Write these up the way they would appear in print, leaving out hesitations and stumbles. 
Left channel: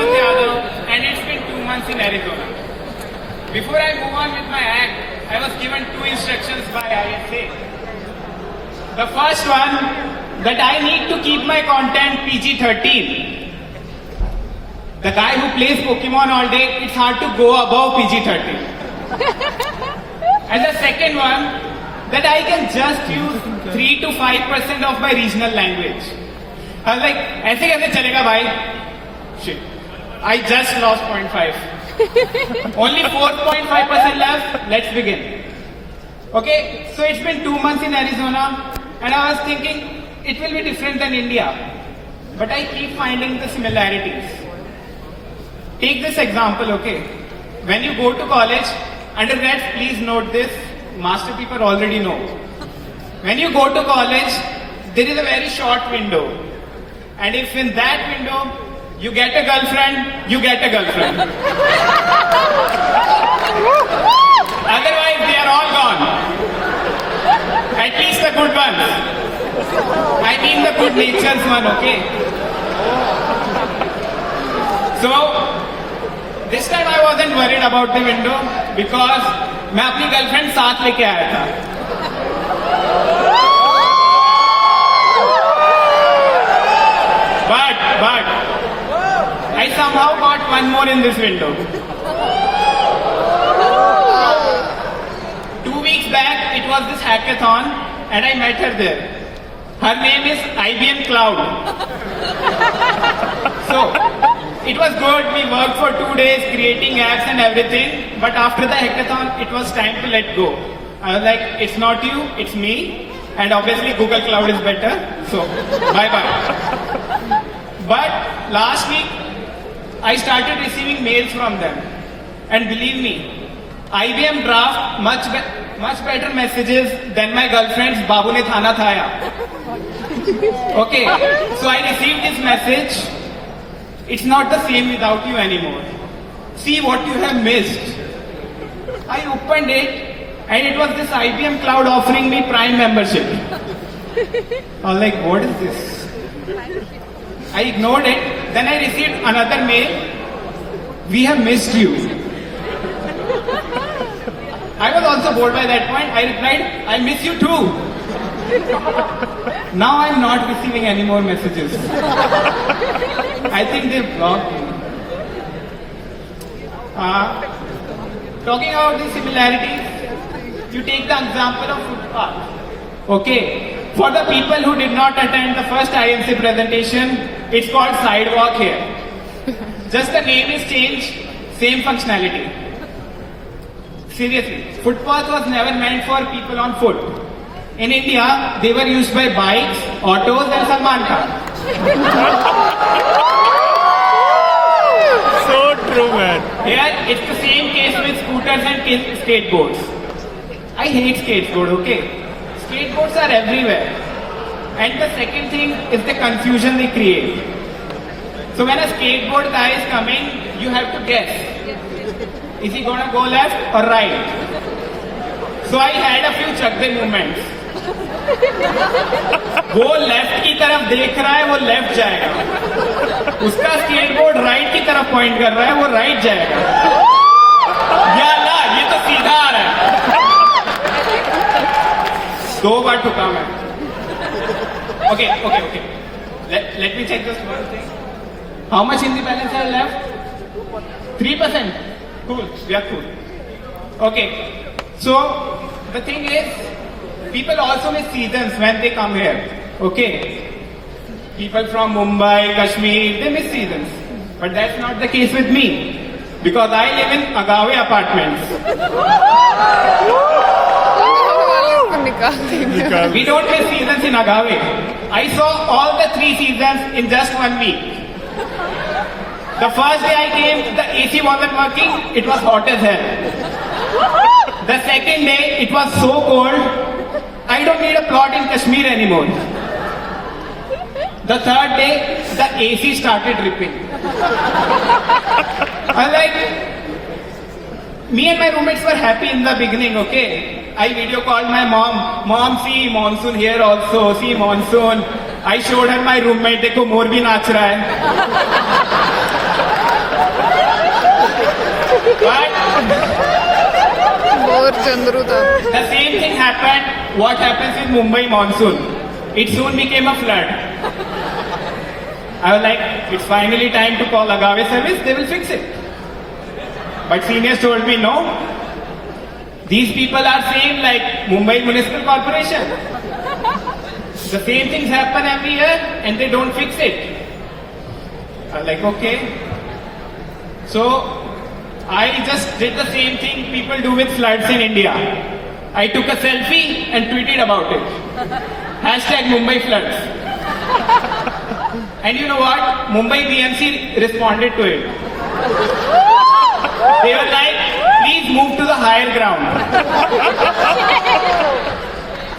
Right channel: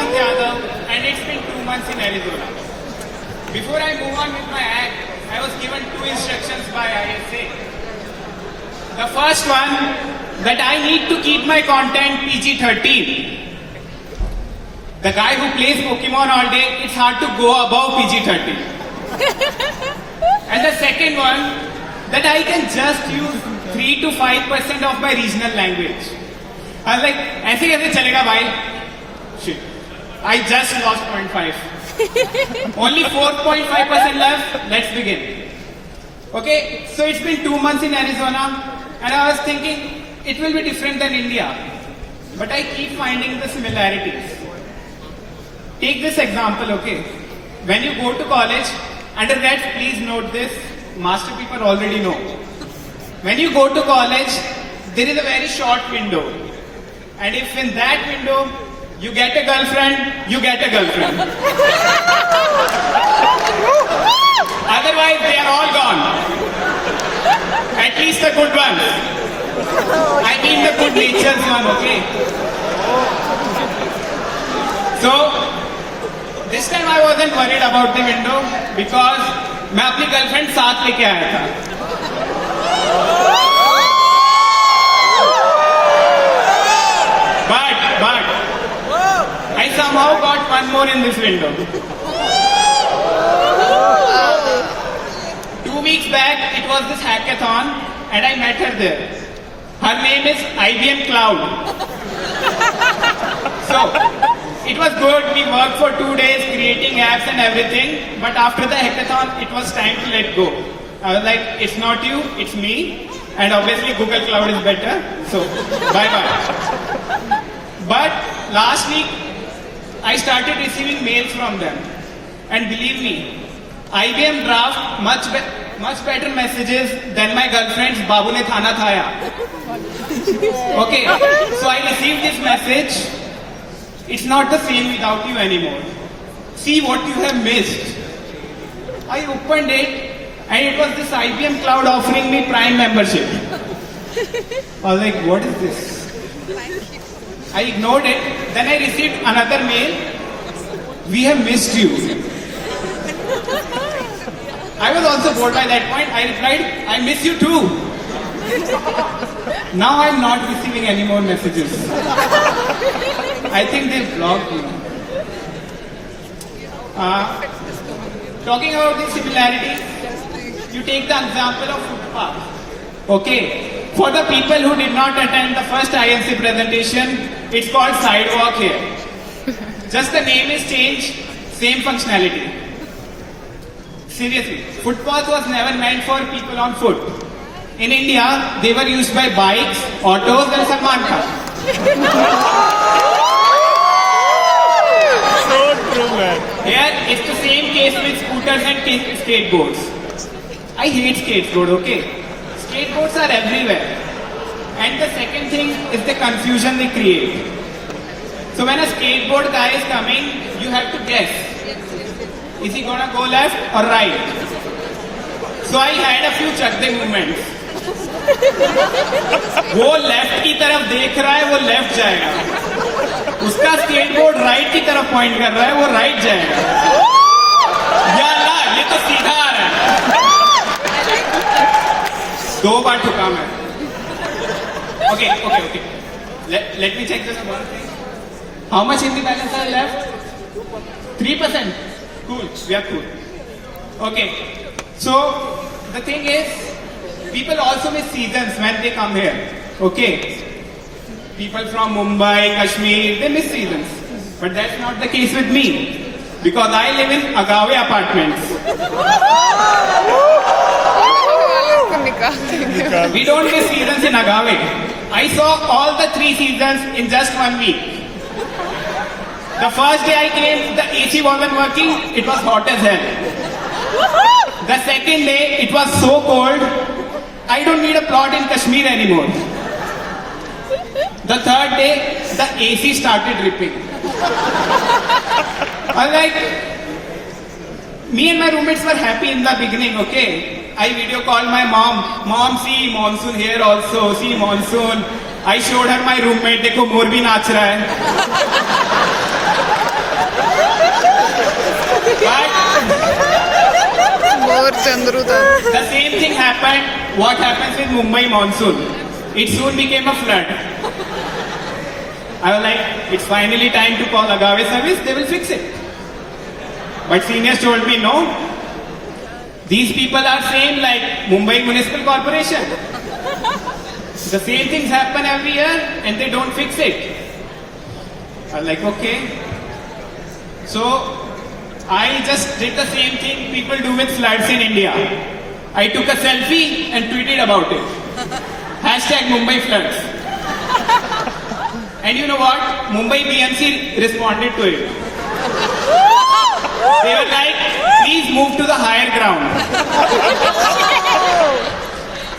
Hemant Yadav, and it's been 2 months in Arizona. Before I move on with my act, I was given 2 instructions by ISA. The first one, that I need to keep my content PG-13. The guy who plays Pokemon all day, it's hard to go above PG-13. And the second one, that I can just use 3 to 5% of my regional language. I was like, ऐसे कैसे चलेगा भाई? Shit. I just lost 0.5. Only 4.5% left. Let's begin. Okay, so it's been 2 months in Arizona, and I was thinking it will be different than India. But I keep finding the similarities. Take this example, okay? When you go to college, undergrads, please note this. Master people already know. When you go to college, there is a very short window. And if in that window you get a girlfriend, you get a girlfriend. Otherwise, they are all gone. At least the good ones. I mean the good natured one, okay? So, this time I wasn't worried about the window because मैं अपनी girlfriend साथ लेके आया था. But I somehow got one more in this window. 2 weeks back, it was this hackathon, and I met her there. Her name is IBM Cloud. So, it was good. We worked for 2 days creating apps and everything. But after the hackathon, it was time to let go. I was like, it's not you, it's me. And obviously Google Cloud is better. So, bye-bye. But last week, I started receiving mails from them. And believe me, IBM draft much better messages than my girlfriend's Babu ne thana thaya. Okay, so I received this message. It's not the same without you anymore. See what you have missed. I opened it and it was this IBM Cloud offering me Prime membership. I was like, what is this? I ignored it. Then I received another mail. We have missed you. I was also bored by that point. I replied, I miss you too. Now I am not receiving any more messages. I think they blocked me. Talking about the similarities, you take the example of footpath. Okay, for the people who did not attend the first INC presentation, it's called sidewalk here. Just the name is changed, same functionality. Seriously, footpath was never meant for people on foot. In India, they were used by bikes, autos and Salman Khan. True, man. Here, it's the same case with scooters and skateboards. I hate skateboard, okay? Skateboards are everywhere. And the second thing is the confusion they create. So when a skateboard guy is coming, you have to guess. Is he gonna go left or right? So I had a few chakde movements. वो left की तरफ देख रहा है, वो left जाएगा. उसका skateboard right की तरफ पॉइंट कर रहा है, वो राइट जाएगा. या अल्लाह, ये तो सीधा आ रहा है. 2 बार ठुका मैं. Okay. Let me check just one thing. How much in the balance is left? 3%. Cool. We are cool. Okay. So the thing is, people also miss seasons when they come here. Okay. People from Mumbai, Kashmir, they miss seasons. But that's not the case with me. Because I live in Agave apartments. We don't miss seasons in Agave. I saw all the 3 seasons in just 1 week. The first day I came, the AC wasn't working, it was hot as hell. The second day, it was so cold, I don't need a plot in Kashmir anymore. The third day, the AC started dripping. Me and my roommates were happy in the beginning, okay? I video called my mom. Mom, see monsoon here also, see monsoon. I showed her my roommate, देखो मोर भी नाच रहा है. Bore Chandru था. The same thing happened. What happens with Mumbai monsoon? It soon became a flood. I was like, it's finally time to call Agave service. They will fix it. But seniors told me no. These people are saying like Mumbai Municipal Corporation. The same things happen every year and they don't fix it. I was like, okay. So I just did the same thing people do with floods in India. I took a selfie and tweeted about it. Hashtag Mumbai floods. And you know what? Mumbai BMC responded to it. They were like, please move to the higher ground.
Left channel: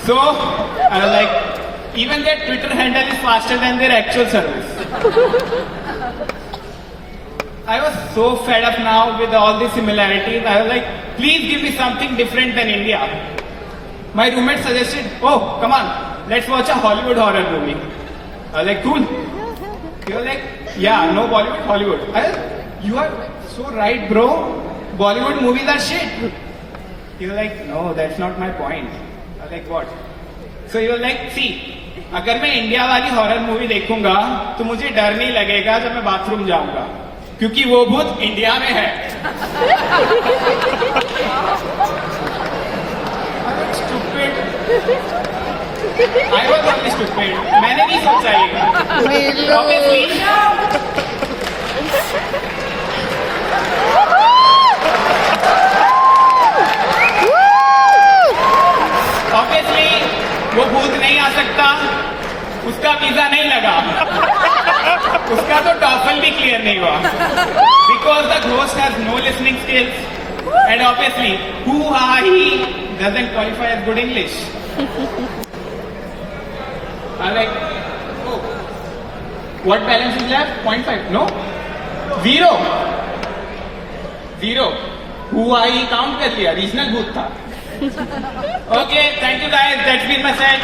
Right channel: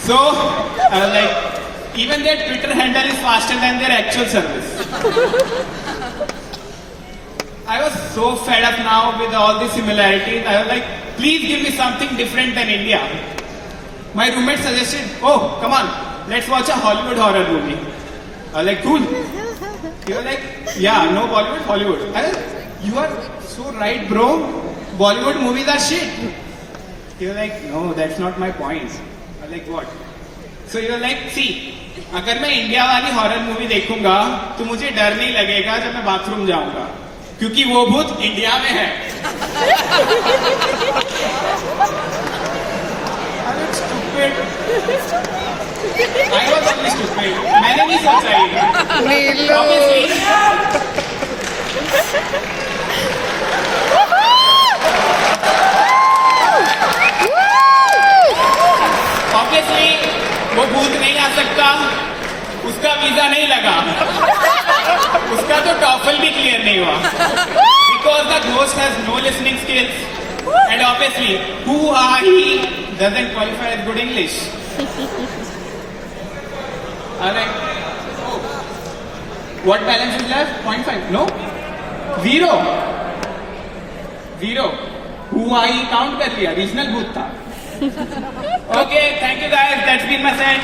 So I was like, even their Twitter handle is faster than their actual service. I was so fed up now with all the similarities. I was like, please give me something different than India. My roommate suggested, oh, come on, let's watch a Hollywood horror movie. I was like, cool. He was like, yeah, no Bollywood, Hollywood. I was, you are so right, bro. Bollywood movies are shit. He was like, no, that's not my point. I was like, what? So he was like, see, अगर मैं India वाली horror movie देखूंगा तो मुझे डर नहीं लगेगा जब मैं बाथरूम जाऊंगा क्योंकि वो भूत इंडिया में है. Stupid. I was only stupid. मैंने नहीं सोचा ये. नीलू. Obviously, वो भूत नहीं आ सकता. उसका वीजा नहीं लगा. उसका तो टॉफल भी क्लियर नहीं हुआ. Because the ghost has no listening skills. And obviously, who are he doesn't qualify as good English. I'm like, oh, what balance is left? 0.5? No? 0. Who are he count कर लिया. Regional booth था. Okay, thank you guys. That's been my set.